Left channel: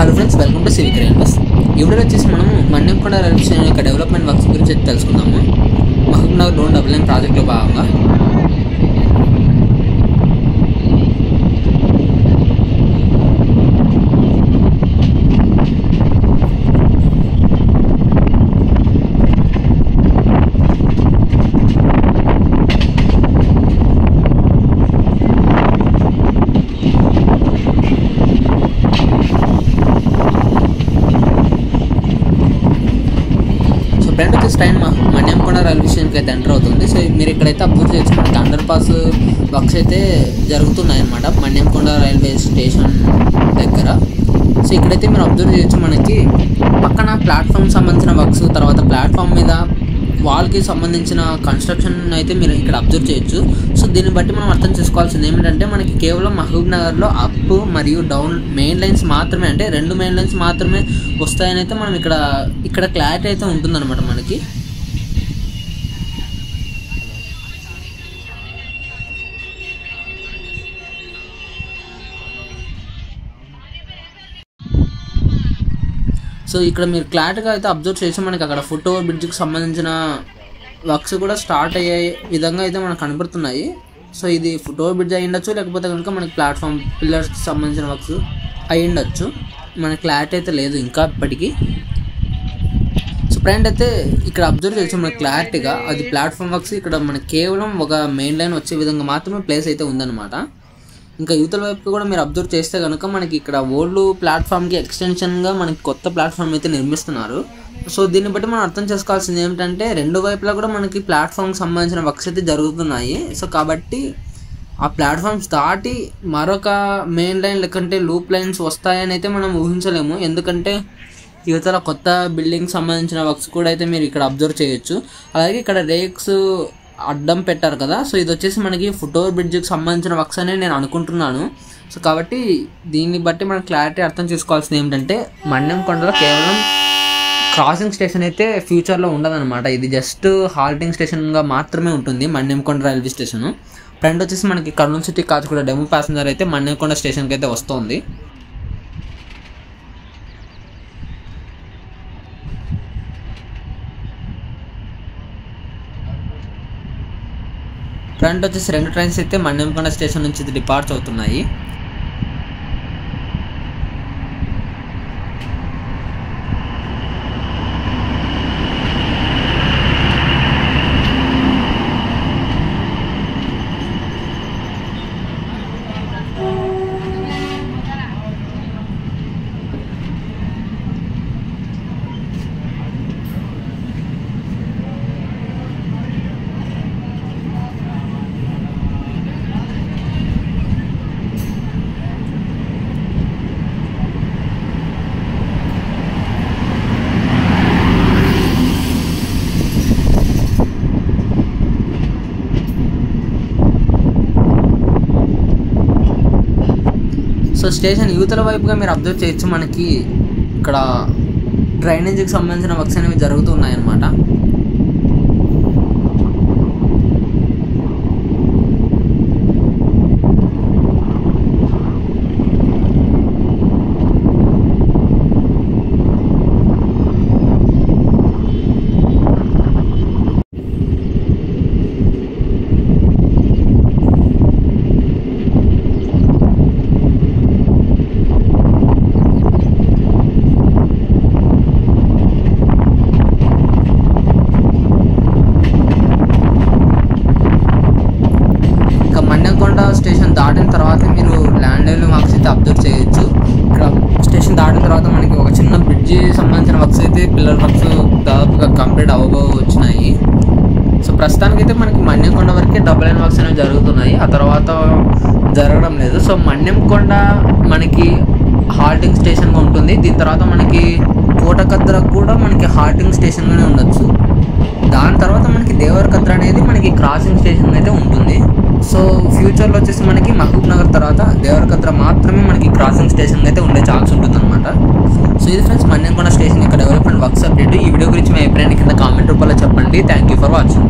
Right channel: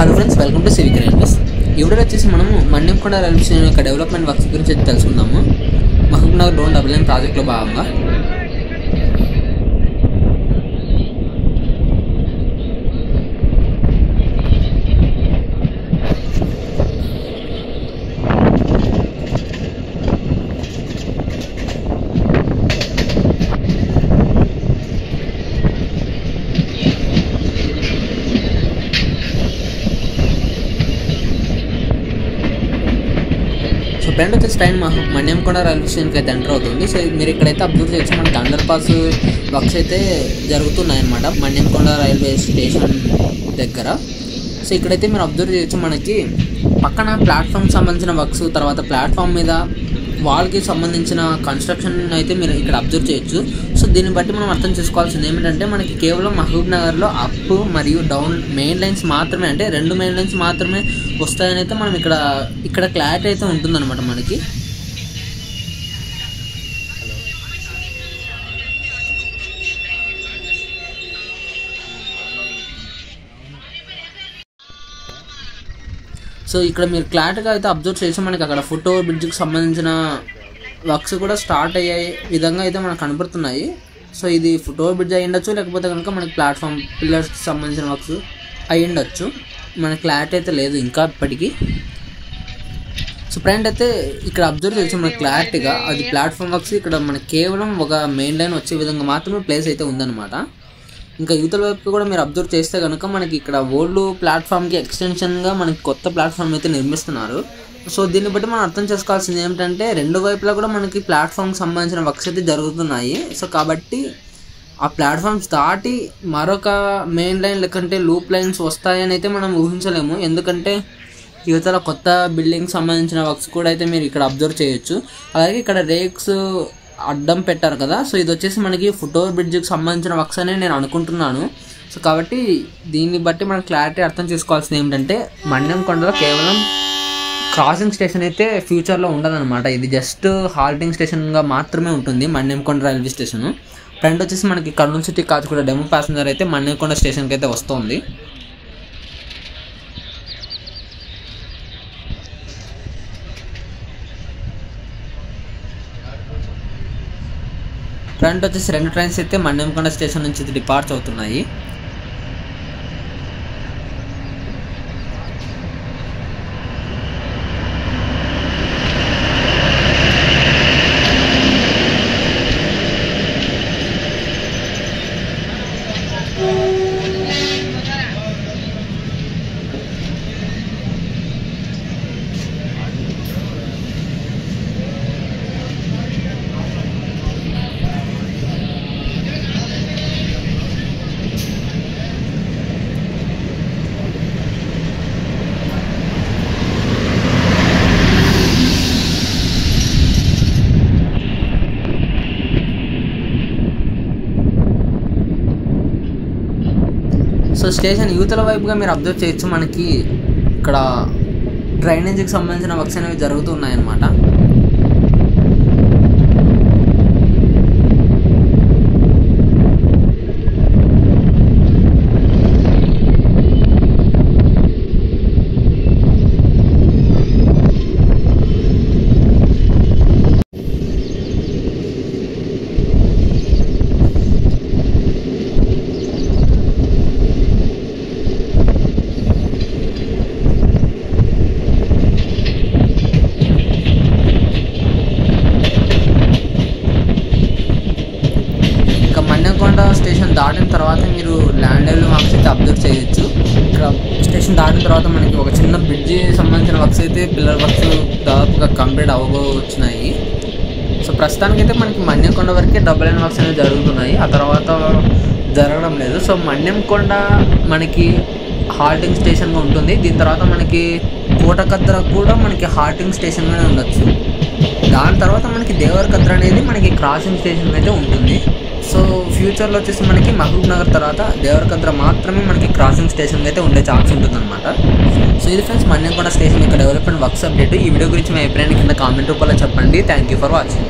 Hello friends, welcome to civic railways. ఈ వీడియోలో వచ్చేసి మనము మన్యంకొండ రైల్వే స్టేషన్ యొక్క డెవలప్మెంట్ వర్క్స్ గురించి తెలుసుకుందాము. మహబూబ్నగర్ లోన్ డబుల్ లైన్ ప్రాజెక్టులో భాగంగా ఫ్రెండ్ వచ్చేసి ట్రైన్ మన్యంకొండ రైల్వే స్టేషన్కి అయితే ఎంటర్ అవుతుంది. సో మీరు ఇక్కడైతే అబ్జర్వ్ చేయొచ్చు, మనకి అండర్ పాస్ వర్క్స్ అయితే జరుగుతున్నాయి అన్నమాట మన్యంకొండ రైల్వే స్టేషన్ దగ్గర. సో ఇక్కడైతే మీరు అబ్జర్వ్ చేయొచ్చు, మనకి పక్కన ప్లాట్ఫామ్ సంబంధించిన వర్క్స్, తర్వాత ప్లాట్ఫామ్ మీద వాల్కి సంబంధించిన కన్స్ట్రక్షన్ అయితే మీరు ఇక్కడ అబ్జర్వ్ చేయొచ్చు. సో దీన్ని బట్టి మనం అర్థం చేసుకోవాల్సింది ఏమిటంటే, మనకి కేవలం మహబూబ్నగర్లో అప్ మరియు డౌన్ మెయిన్ లైన్స్ మాత్రమే, అంటే 2 మెయిన్ లైన్స్ మాత్రమే వస్తాయని అయితే మనం ఇక్కడ క్లారిటీ అయితే ఉంటుందన్నమాట మనకి. సో ఇక్కడ మీరు క్లారిటీగా అయితే అబ్జర్వ్ చేసి, మనకి అక్కడ ఫుట్ ఓవర్ బ్రిడ్జ్కి సంబంధించిన వర్క్స్ కూడా స్టార్ట్ అయ్యే విధంగా అయితే మనకు కనబడుతున్నాయి. సో ఇది ఫుట్ ఓవర్ బ్రిడ్జ్ అయ్యి ఉండొచ్చు, లేకపోతే కనుక మనకి ప్లాట్ఫామ్ పిల్లర్స్కి సంబంధించిన వర్క్స్ అయ్యి ఉండొచ్చు. మనకి క్లారిటీ అయితే లేదు ఇంకా ఇప్పటికీ. సో ఫ్రెండ్ అయితే ఇక్కడ అబ్జర్వ్ చేసి మనకి క్లారిటీగా అది ప్లాట్ఫామ్ వర్క్స్ ఇక్కడ మనకి కేవలం ఒక మెయిన్ లైన్ వచ్చే విధంగా మాత్రమే ప్లేస్ అయితే ఉందన్నమాట. ఇంకా యువతల వైపు కూడా మీరు అబ్జర్వ్ చేస్తే కనుక మనకి ఇక్కడ ఓల్డ్ ప్లాట్ఫామ్కి ఎక్స్టెన్షన్గా మనకి కొత్త ప్లాట్ఫామ్ అయితే నిర్మిస్తున్నారు. సో దీన్ని బట్టి మనం అర్థం చేసుకోవాల్సింది ఏమిటంటే, 2 వైపులా కూడా మనకి ప్లాట్ఫామ్కి సంబంధించిన వర్క్స్ అయితే జరుగుతున్నాయి. సో కాబట్టి ఆ ప్లాట్ఫామ్స్ దాటి మరొక మెయిన్ లైన్ లేకంటే లూప్ లైన్స్ వస్తాయని అయితే మనం ఊహించలేము. ఎందుకంటే యువతల కొత్త బిల్డింగ్ సంబంధించిన వర్క్స్ కూడా అయితే మీరు ఇక్కడ అబ్జర్వ్ చేయొచ్చు. అలాగే ఇక్కడ రేక్స్ అడ్డం పెట్టారు కదా, సో ఇది వచ్చేసి మనకి ఫుట్ ఓవర్ బ్రిడ్జ్కి సంబంధించిన వర్క్స్ అని నేను అనుకుంటున్నాను. సో కాబట్టి దీన్ని బట్టి మనం క్లారిటీ అర్థం చేసుకోవాల్సింది ఏమిటంటే, మన్యంకొండలో కేవలం క్రాసింగ్ స్టేషన్ అయితే ఫ్యూచర్లో ఉండదన్నమాట. ఇది జస్ట్ హాల్టింగ్ స్టేషన్గా మాత్రమే ఉంటుంది మన్యంకొండ రైల్వే స్టేషన్. ఫ్రంట్ వచ్చేసి మనకి Kurnool city Kacheguda demo passenger అయితే మన్యంకొండ స్టేషన్కి అయితే వస్తుంది. ఫ్రంట్ వచ్చేసి 2 ట్రైన్స్ అయితే మన్యంకొండ స్టేషన్ నుంచి డిపార్చ్ అవుతున్నాయి. సో స్టేషన్ యువతల వైపుగా మీరు అబ్జర్వ్ చేయొచ్చు, మనకి ఇక్కడ డ్రైనేజీకి సంబంధించిన వర్క్స్ అనేవి జరుగుతున్నాయన్నమాట. మన్యంకొండ స్టేషన్ దాటిన తర్వాత మీరు ల్యాండ్ లైవ్లో వర్క్స్ అయితే అబ్జర్వ్ చేయొచ్చు. ఇక్కడ స్టేషన్ దాటిన తర్వాత మనకి ఒక చిన్న బ్రిడ్జి సంబంధించిన వర్క్స్ అయితే పిల్లర్ వర్క్స్ దాదాపుగా కంప్లీట్ వచ్చినాయి. సో ప్రస్తుతానికైతే మనకి మన్యంకొండ వరకే డబుల్ లైన్ వర్క్స్ అనేవి జరుగుతున్నాయి, ఆ తర్వాత జరగడం లేదు. సో మన్యంకొండ మనకి హాల్టింగ్ స్టేషన్గా ఉంటుంది. దీని తర్వాత మనకి కోటకద్ర కూడా మనకి హాల్టింగ్ స్టేషన్గానే ఉండొచ్చు. దాని తర్వాత మనకి దేవరకద్ర అనేది మనకి క్రాసింగ్ స్టేషన్ అయితే ఉంటుంది. సో ఫ్యూచర్లో వచ్చేసి మనకి మహబూబ్నగర్ తర్వాత దేవరకద్ర మాత్రమే మనకి క్రాసింగ్ స్టేషన్ అయితే ఉండే ఛాన్స్ ఉంటుందన్నమాట. సో ఇది ఫ్రెండ్స్ మన్యంకొండ స్టేషన్ యొక్క డెవలప్మెంట్ వర్క్స్ అప్డేట్. ఈ వీడియో గురించి మీ అభిప్రాయాన్ని కింద కామెంట్ రూపంలో చెప్పండి. Thank you for watching.